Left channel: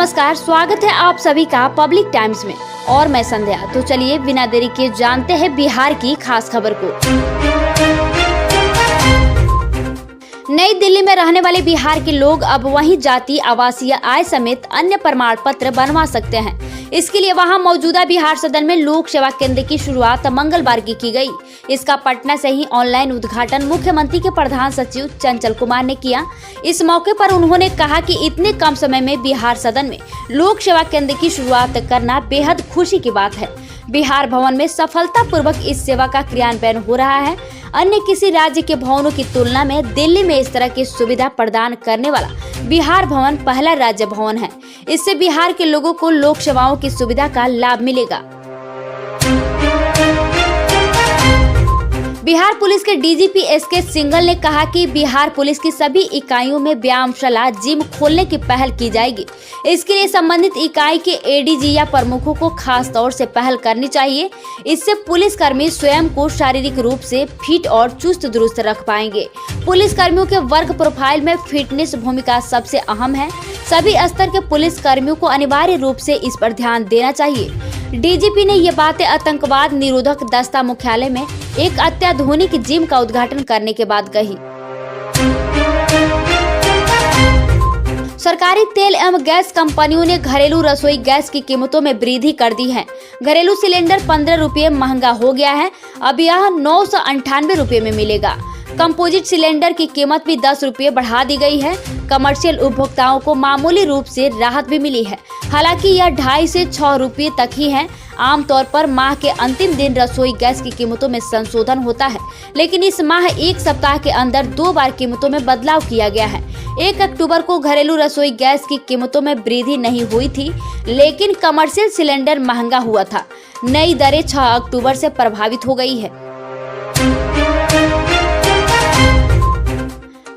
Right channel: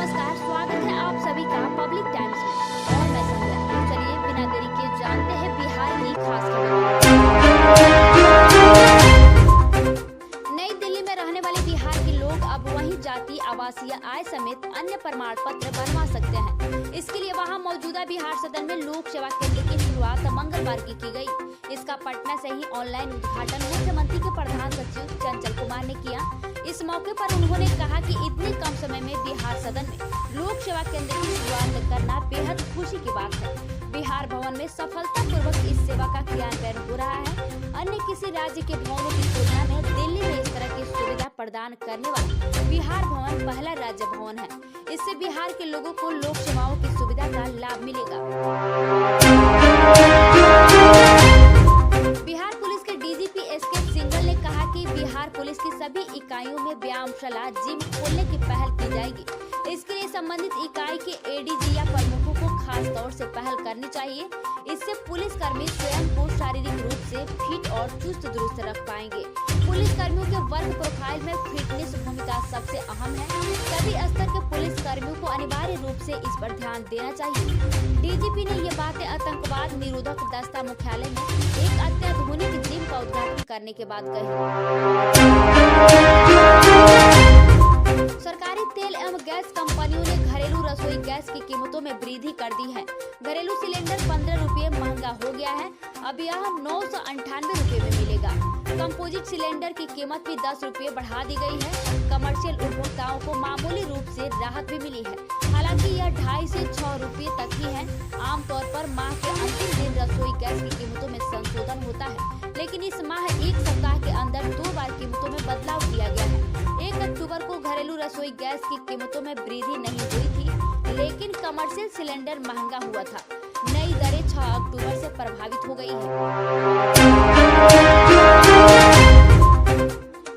नमस्कार, स्वागत है आप सभी का पब्लिक टाइम्स में और मैं संध्या। तो चलिए बिना देरी के जानते हैं बिहार की खास खबर को। नई दिल्ली में रहने वाले बिहार के लोग अब वहीं जाति, आवासीय आय समेत अन्य प्रमाण पत्र बनवा सकते हैं। इसके लिए वहां मौजूदा बिहार सदन में लोक सेवा केंद्र की शुरुआत मंगलवार की गई। इसका पटना से ही ऑनलाइन उद्घाटन मुख्यमंत्री के प्रधान सचिव चंचल कुमार ने किया। इस मौके पर उन्होंने कहा कि इतने कम समय में बिहार सदन में लोक सेवा केंद्र की शुरुआत करना बेहद खुशी की बात है। बिहार भवन में सफलतापूर्वक इस सेवा का क्रियान्वयन हो रहा है। अन्य किसी राज्य के भवनों की तुलना में दिल्ली में इस तरह की सुविधा प्रदान करने वाला बिहार भवन पहला राज्य भवन है। इससे बिहार के लोगों को लोक सेवाओं की सुविधा का लाभ मिलेगा। बिहार पुलिस के डीजीपी एसके सिंघल ने कहा कि बिहार पुलिस की सभी इकाइयों में व्यायामशाला, जिम खोलने की पहल की जाएगी। इसके लिए संबंधित इकाई के एडीजी या प्रमुखों को खास तौर से पहल करनी चाहिए। इससे पुलिसकर्मी स्वयं को शारीरिक रूप से फिट और चुस्त दुरुस्त रख पाएंगे। पुलिस कर्मियों के वर्क प्रोफाइल में फिटनेस भूमिका सबसे अहम है। सभी स्तर के पुलिस कर्मियों को अनिवार्य रूप से इस पर ध्यान देना चाहिए। डीजीपी ने ये बातें आतंकवाद निरोधक दस्ता मुख्यालय में एक अत्याधुनिक जिम का उद्घाटन करने के बाद कही। सरकारी तेल एवं गैस कंपनियों ने घरेलू रसोई गैस की कीमतों में वृद्धि कर दी है। घरेलू सिलेंडर 15 रुपये महंगा हो गया है। अब यह 998 रुपये में मिलेगा। कंपोजिट सिलेंडर की कीमत भी 10 रुपये बढ़ा दी गई है। कमर्शियल उपभोक्ताओं को मामूली रूप से राहत भी मिली है। हालांकि यह 2.5 से 6 रुपये तक ही है। आमतौर पर माह के अंतिम दिन रसोई गैस की कीमतों में संशोधन होता है, लेकिन इस माह एक सप्ताह के अंदर 2 बार कीमतों में बदलाव किया गया है। 1 अक्टूबर को घरेलू रसोई गैस की कीमतों में वृद्धि नहीं हुई थी, लेकिन कमर्शियल सिलेंडर महंगा हुआ था। नई दरें 6 अक्टूबर से प्रभावित हो गई है।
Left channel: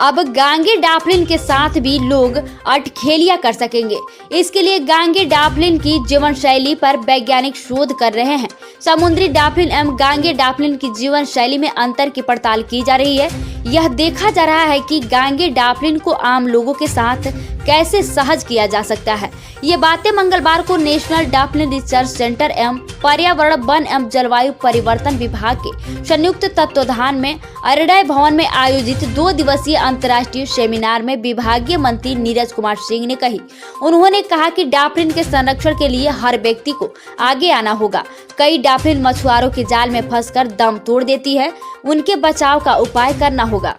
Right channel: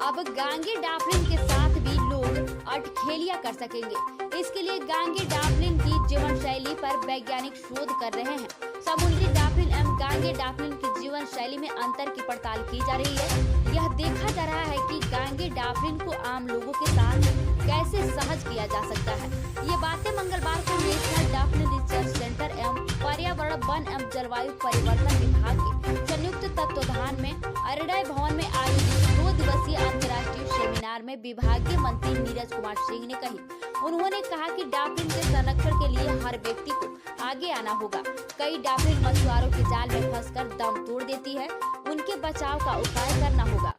अब गांगे डाफलिन के साथ भी लोग अठखेलियां कर सकेंगे। इसके लिए गांगे डाफलिन की जीवन शैली पर वैज्ञानिक शोध कर रहे हैं। समुद्री डाफलिन एवं गांगे डाफलिन की जीवन शैली में अंतर की पड़ताल की जा रही है। यह देखा जा रहा है कि गांगे डाफलिन को आम लोगों के साथ कैसे सहज किया जा सकता है। ये बातें मंगलवार को नेशनल डाफलिन रिसर्च सेंटर एवं पर्यावरण, वन एवं जलवायु परिवर्तन विभाग के संयुक्त तत्वाधान में अरड़य भवन में आयोजित 2 दिवसीय अंतर्राष्ट्रीय सेमिनार में विभागीय मंत्री नीरज कुमार सिंह ने कही। उन्होंने कहा कि डाफलिन के संरक्षण के लिए हर व्यक्ति को आगे आना होगा। कई डाफलिन मछुआरों के जाल में फंसकर दम तोड़ देती है। उनके बचाव का उपाय करना होगा।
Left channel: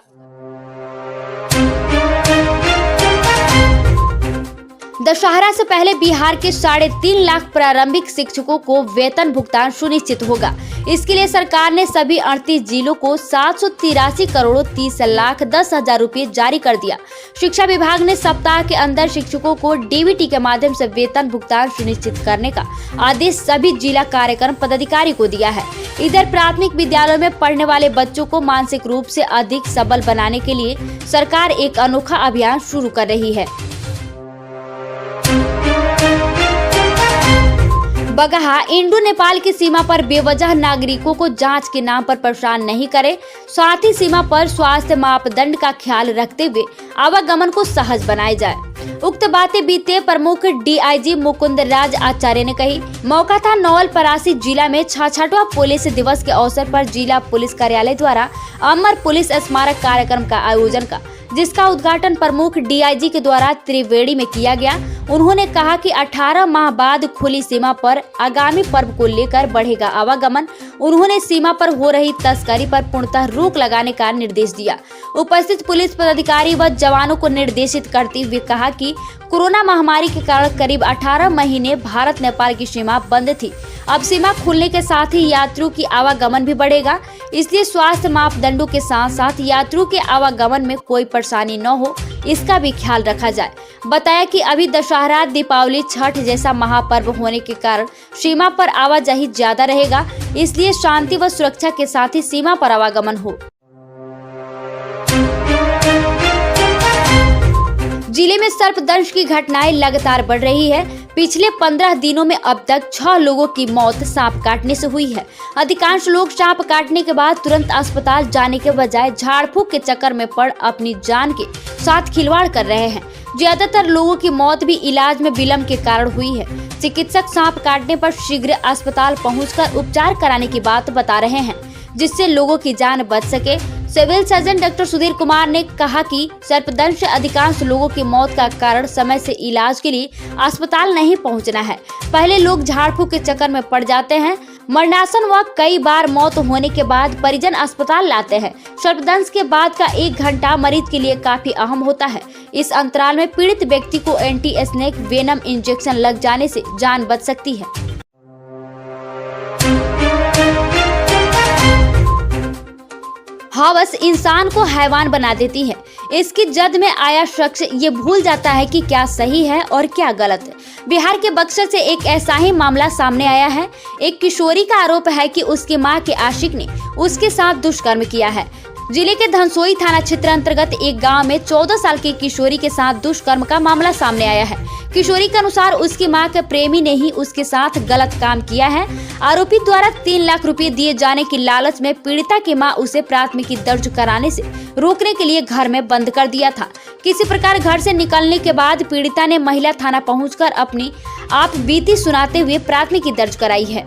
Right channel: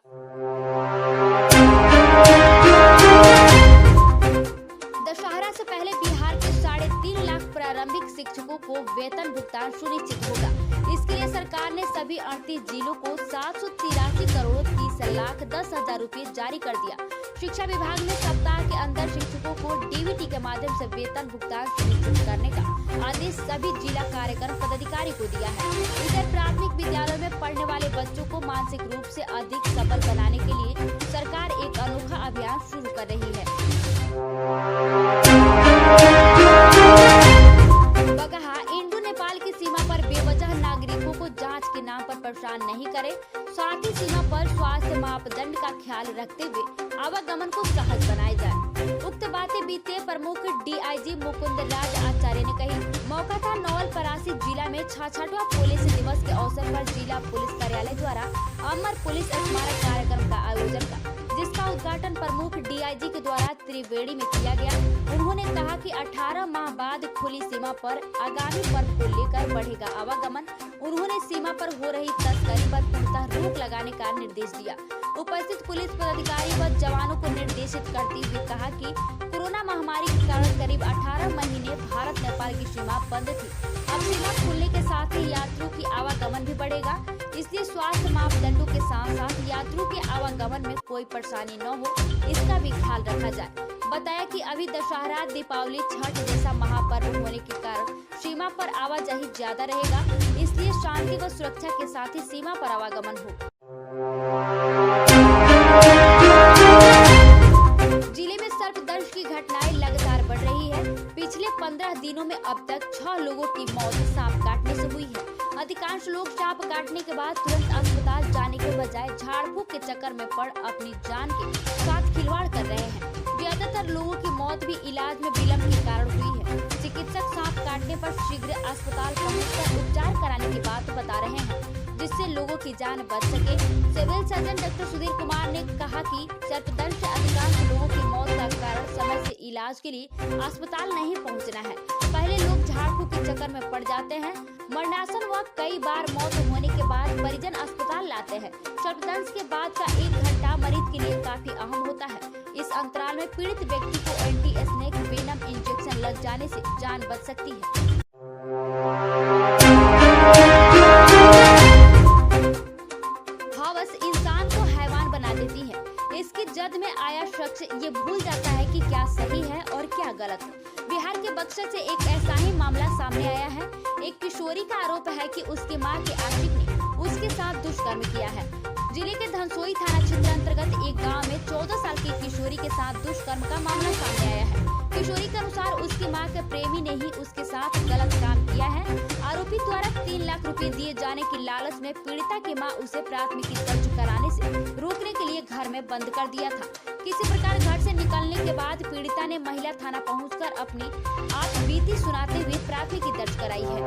दशहरा से पहले बिहार के 3.5 लाख प्रारंभिक शिक्षकों को वेतन भुगतान सुनिश्चित होगा। इसके लिए सरकार ने सभी 38 जिलों को 783 करोड़ 30 लाख 10 हजार रुपये जारी कर दिया। शिक्षा विभाग ने सप्ताह के अंदर शिक्षकों को डीबीटी के माध्यम से वेतन भुगतान सुनिश्चित करने का आदेश सभी जिला कार्यक्रम पदाधिकारी को दिया है। इधर प्राथमिक विद्यालयों में पढ़ने वाले बच्चों को मानसिक रूप से अधिक सबल बनाने के लिए सरकार एक अनोखा अभियान शुरू कर रही है। बगहा इंडो नेपाल की सीमा पर बेवजह नागरिकों को जांच के नाम पर परेशान नहीं करे, साथ ही सीमा पर स्वास्थ्य मापदंड का ख्याल रखते हुए आवागमन को सहज बनाया जाए। उक्त बातें बीते प्रमुख डीआईजी मुकुंद राज आचार्य ने कही। मौका था नवलपरासी जिला में 66वां पुलिस दिवस के अवसर पर जिला पुलिस कार्यालय द्वारा अमर पुलिस स्मारक कार्यक्रम का आयोजन का, जिसका उद्घाटन प्रमुख डीआईजी के द्वारा त्रिवेणी में किया गया। उन्होंने कहा कि 18 माह बाद खुली सीमा पर आगामी पर्व को लेकर बढ़ेगा आवागमन। उन्होंने सीमा पर हो रही तस्करी पर पूर्णतः रोक लगाने का निर्देश दिया। उपस्थित पुलिस पदाधिकारी व जवानों को निर्देशित करते हुए कहा कि कोरोना महामारी के कारण करीब 18 महीने भारत नेपाल की सीमा बंद थी। अब सीमा खुलने के साथ ही यात्रियों की आवागमन भी बढ़ेगा। इसलिए स्वास्थ्य मापदंडों के साथ साथ यात्रियों के आवागमन में कोई परेशानी न हो, इसका भी ख्याल रखा जाए। बताया कि अभी दशहरा, दीपावली, छठ जैसा महापर्व होने के कारण सीमा पर आवाजाही ज्यादा रहेगा। इसलिए शांति व सुरक्षा के साथ ही सीमा पर आवागमन हो। जिले में सर्पदंश की घटनाएं लगातार बढ़ रही है। पिछले 15 दिनों में अब तक 6 लोगों की मौत सांप काटने से हुई है। अधिकांश लोग सांप काटने के बाद तुरंत अस्पताल जाने के बजाय झाड़ फूक के चक्कर में पड़ अपनी जान के साथ खिलवाड़ कर रहे हैं। ज्यादातर लोगों की मौत भी इलाज में विलम्ब के कारण हुई है। चिकित्सक सांप काटने पर शीघ्र अस्पताल पहुंचकर उपचार कराने की बात बता रहे हैं, जिससे लोगों की जान बच सके। Civil surgeon doctor Sudhir Kumar ने कहा कि सर्पदंश से अधिकांश लोगों की मौत का कारण समय से इलाज के लिए अस्पताल नहीं पहुंचना है। पहले लोग झाड़ फूक के चक्कर में पड़ जाते हैं। मरणासन व कई बार मौत होने के बाद परिजन अस्पताल लाते हैं। सर्पदंश के बाद का 1 घंटा मरीज के लिए काफी अहम होता है। इस अंतराल में पीड़ित व्यक्ति को एंटी स्नेक वेनम इंजेक्शन लग जाने से जान बच सकती है। हवस इंसान को हैवान बना देती है। इसकी जद में आया शख्स ये भूल जाता है कि क्या सही है और क्या गलत है। बिहार के बक्सर से एक ऐसा ही मामला सामने आया है। एक किशोरी का आरोप है कि उसकी मां के आशिक ने उसके साथ दुष्कर्म किया है। जिले के धनसोई थाना क्षेत्र अंतर्गत एक गांव में 14 साल की किशोरी के साथ दुष्कर्म का मामला सामने आया है। किशोरी के अनुसार उसकी मां के प्रेमी ने ही उसके साथ गलत काम किया है। आरोपी द्वारा 3 लाख रुपए दिए जाने की लालच में पीड़िता की मां उसे प्राथमिकी दर्ज कराने से रोकने के लिए घर में बंद कर दिया था। किसी प्रकार घर से निकलने के बाद पीड़िता ने महिला थाना पहुंचकर अपनी आप बीती सुनाते हुए प्राथमिकी दर्ज कराई है।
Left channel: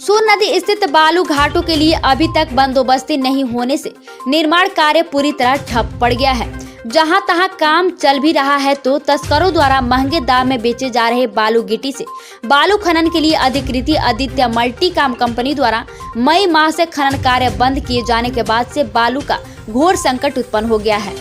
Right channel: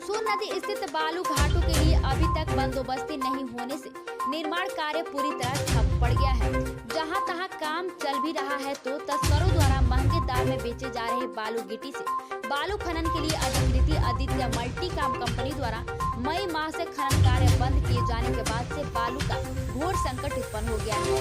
सोन नदी स्थित बालू घाटों के लिए अभी तक बंदोबस्ती नहीं होने से निर्माण कार्य पूरी तरह ठप पड़ गया है। जहां तहां काम चल भी रहा है तो तस्करों द्वारा महंगे दाम में बेचे जा रहे बालू गिट्टी से बालू खनन के लिए अधिकृत आदित्य मल्टी काम कंपनी द्वारा मई माह से खनन कार्य बंद किए जाने के बाद से बालू का घोर संकट उत्पन्न हो गया है।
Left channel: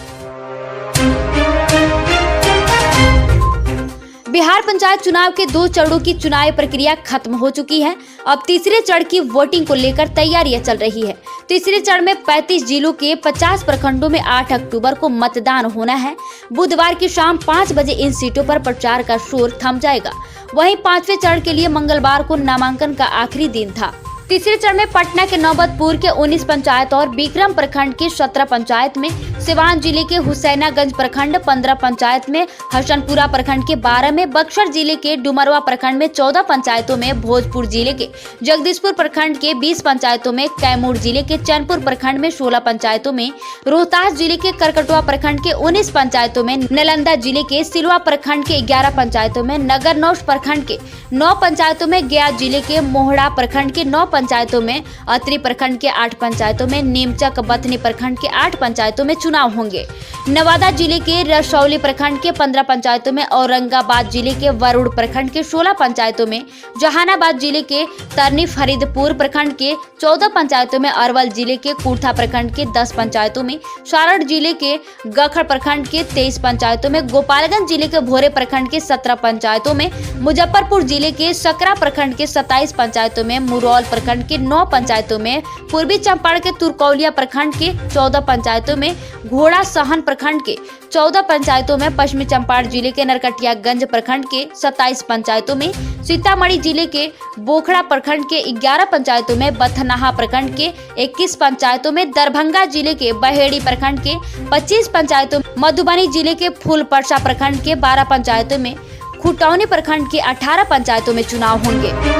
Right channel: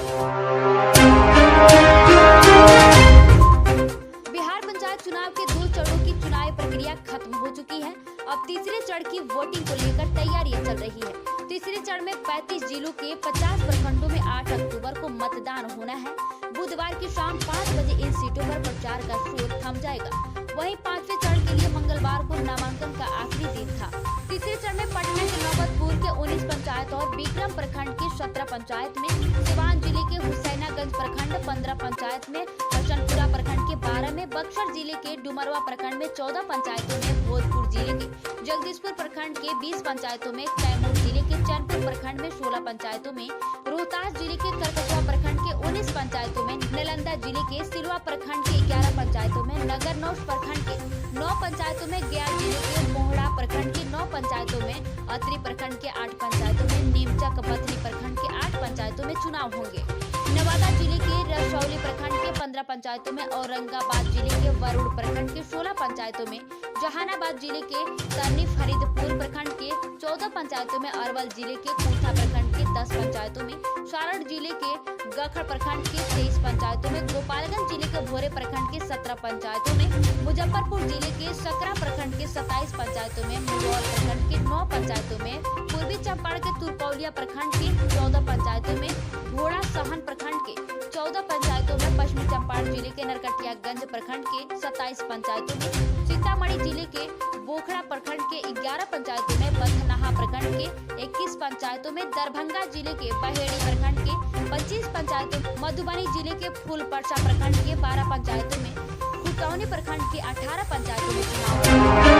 बिहार पंचायत चुनाव के 2 चरणों की चुनाव प्रक्रिया खत्म हो चुकी है। अब तीसरे चरण की वोटिंग को लेकर तैयारियां चल रही है। तीसरे चरण में 35 जिलों के 50 प्रखंडों में 8 अक्टूबर को मतदान होना है। बुधवार की शाम 5 बजे इन सीटों पर प्रचार का शोर थम जाएगा। वहीं 5वें चरण के लिए मंगलवार को नामांकन का आखिरी दिन था। तीसरे चरण में पटना के नौबतपुर के 19 पंचायत और बिक्रम प्रखंड की 17 पंचायत में, सिवान जिले के हुसैनागंज प्रखंड 15 पंचायत में, हसनपुरा प्रखंड के 12 में, बक्सर जिले के डुमरवा प्रखंड में 14 पंचायतों में, भोजपुर जिले के जगदीशपुर प्रखंड के 20 पंचायतों में, कैमूर जिले के चैनपुर प्रखंड में 16 पंचायतों में, रोहतास जिले के करकटवा प्रखंड के 19 पंचायतों में, नालंदा जिले के सिलवा प्रखंड के 11 पंचायतों में, नगरनौश प्रखंड के 9 पंचायतों में, गया जिले के मोहड़ा प्रखंड के 9 पंचायतों में, अतरी प्रखंड के 8 पंचायतों में, नीमचक बथनी प्रखंड के 8 पंचायतों में चुनाव होंगे। नवादा जिले के रसौली प्रखंड के 15 पंचायतों में, औरंगाबाद जिले के वरुड़ प्रखंड के 16 पंचायतों में, जहानाबाद जिले के तरनी फरीदपुर प्रखंड के 14 पंचायतों में, अरवल जिले के कुर्था प्रखंड के 10 पंचायतों में, सारण जिले के गखड़ प्रखंड के 23 पंचायतों में, गोपालगंज जिले के भोरे प्रखंड के 17 पंचायतों में, मुजफ्फरपुर जिले के सकरा प्रखंड के 27 पंचायतों में, मुरौल प्रखंड के 9 पंचायतों में, पूर्वी चंपारण के तुरकौलिया प्रखंड के 14 पंचायतों में, घोड़ा सहन प्रखंड के 14 पंचायतों में, पश्चिमी चंपारण जिले के नरकटियागंज प्रखंड के 27 पंचायतों में, सीतामढ़ी जिले के बोखड़ा प्रखंड के 11 पंचायतों में, बथनाहा प्रखंड के 21 पंचायतों में, दरभंगा जिले के बहेड़ी प्रखंड के 25 पंचायतों में, मधुबनी जिले के फूलपर्सा प्रखंड के 12 पंचायतों में, खुटौनी प्रखंड के 18 पंचायतों में चुनाव होंगे।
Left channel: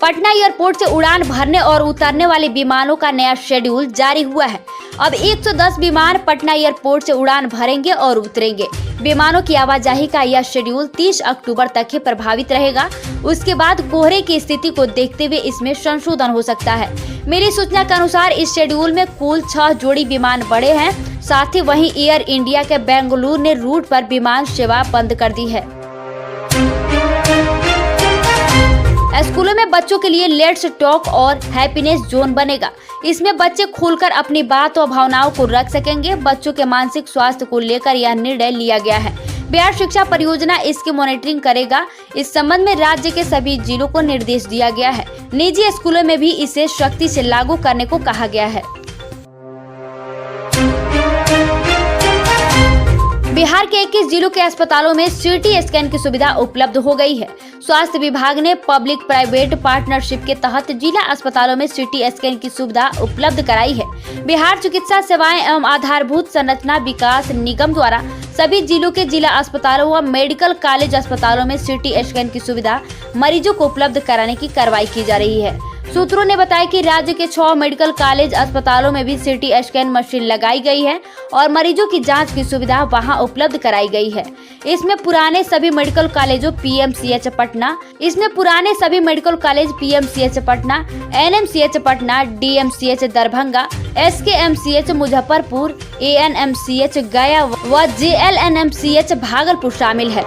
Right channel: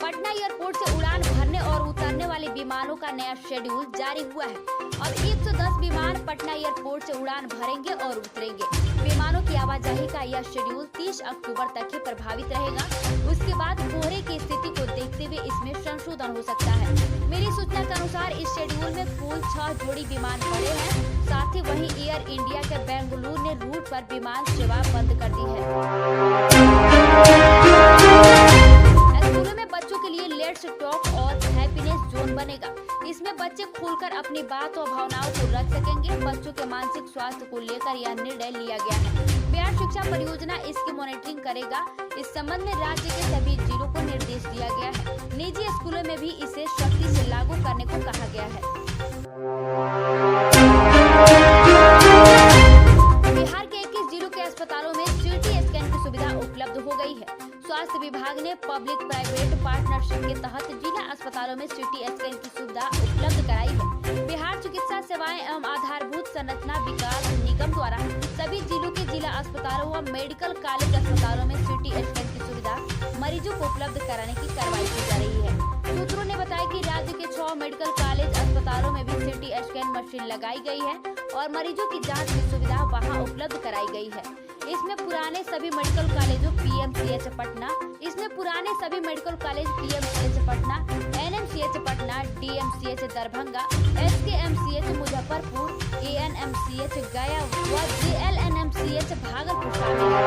पटना एयरपोर्ट से उड़ान भरने और उतरने वाले विमानों का नया शेड्यूल जारी हुआ है। अब 110 विमान पटना एयरपोर्ट से उड़ान भरेंगे और उतरेंगे। विमानों की आवाजाही का यह शेड्यूल 30 अक्टूबर तक ही प्रभावित रहेगा। उसके बाद कोहरे की स्थिति को देखते हुए इसमें संशोधन हो सकता है। मिली सूचना के अनुसार इस शेड्यूल में कुल 6 जोड़ी विमान बढ़े हैं। साथ ही वहीं एयर इंडिया के बेंगलुरु ने रूट पर विमान सेवा बंद कर दी है। स्कूलों में बच्चों के लिए लेट्स टॉक और हैप्पीनेस जोन बनेगा। इसमें बच्चे खुलकर अपनी बात और भावनाओं को रख सकेंगे। बच्चों के मानसिक स्वास्थ्य को लेकर यह निर्णय लिया गया है। बिहार शिक्षा परियोजना इसकी मॉनिटरिंग करेगा। इस संबंध में राज्य के सभी जिलों को निर्देश दिया गया है। निजी स्कूलों में भी इसे सख्ती से लागू करने को कहा गया है। बिहार के 21 जिलों के अस्पतालों में सीटी स्कैन की सुविधा उपलब्ध हो गई है। स्वास्थ्य विभाग ने पब्लिक प्राइवेट पार्टनरशिप के तहत जिला अस्पतालों में सीटी स्कैन की सुविधा उपलब्ध कराई है। बिहार चिकित्सा सेवाएं एवं आधारभूत संरचना विकास निगम द्वारा सभी जिलों के जिला अस्पतालों व मेडिकल कॉलेज अस्पतालों में सीटी स्कैन की सुविधा मरीजों को उपलब्ध कराने की कार्रवाई की जा रही है। सूत्रों ने बताया कि राज्य के 6 मेडिकल कॉलेज अस्पतालों में भी सीटी स्कैन मशीन लगाई गई है और मरीजों की जांच की सुविधा वहां उपलब्ध कराई गई है। इसमें पुराने सभी मेडिकल कॉलेजों PMCH Patna, NMCH Patna, DMCH Darbhanga, SKMCH Muzaffarpur, ANMCH गया व जेएलएनएमसीएच भागलपुर शामिल है।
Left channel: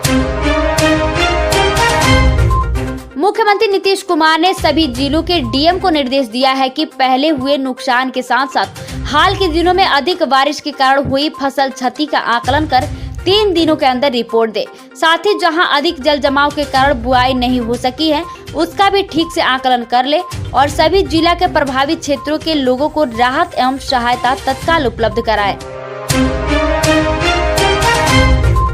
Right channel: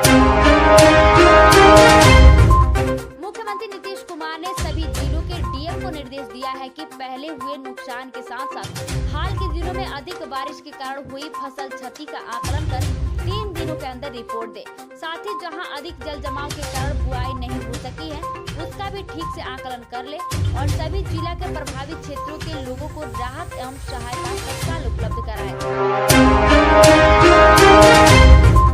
मुख्यमंत्री नीतीश कुमार ने सभी जिलों के डीएम को निर्देश दिया है कि पहले हुए नुकसान के साथ साथ हाल के दिनों में अधिक बारिश के कारण हुई फसल क्षति का आकलन कर 3 दिनों के अंदर रिपोर्ट दे। साथ ही जहां अधिक जल जमाव के कारण बुआई नहीं हो सकी है उसका भी ठीक से आकलन कर ले और सभी जिला के प्रभावित क्षेत्रों के लोगों को राहत एवं सहायता तत्काल उपलब्ध कराए।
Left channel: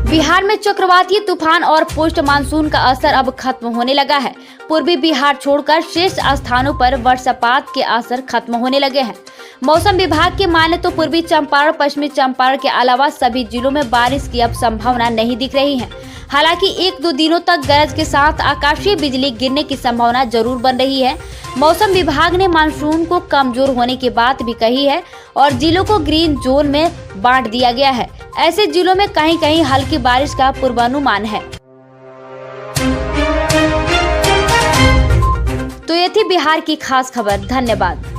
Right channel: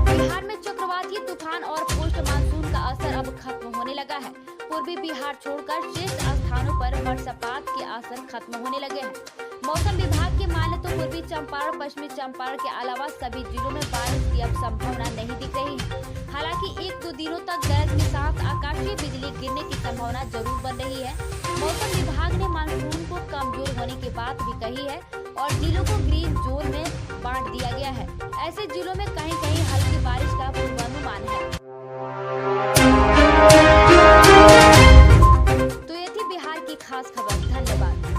बिहार में चक्रवातीय तूफान और पोस्ट मानसून का असर अब खत्म होने लगा है। पूर्वी बिहार छोड़कर शेष स्थानों पर वर्षापात के असर खत्म होने लगे हैं। मौसम विभाग के माने तो पूर्वी चंपारण, पश्चिमी चंपारण के अलावा सभी जिलों में बारिश की अब संभावना नहीं दिख रही है। हालांकि 1-2 दिनों तक गरज के साथ आकाशीय बिजली गिरने की संभावना जरूर बन रही है। मौसम विभाग ने मानसून को कमजोर होने की बात भी कही है और जिलों को ग्रीन जोन में बांट दिया गया है। ऐसे जिलों में कहीं कहीं हल्की बारिश का पूर्वानुमान है। तो ये थी बिहार की खास खबर। धन्यवाद।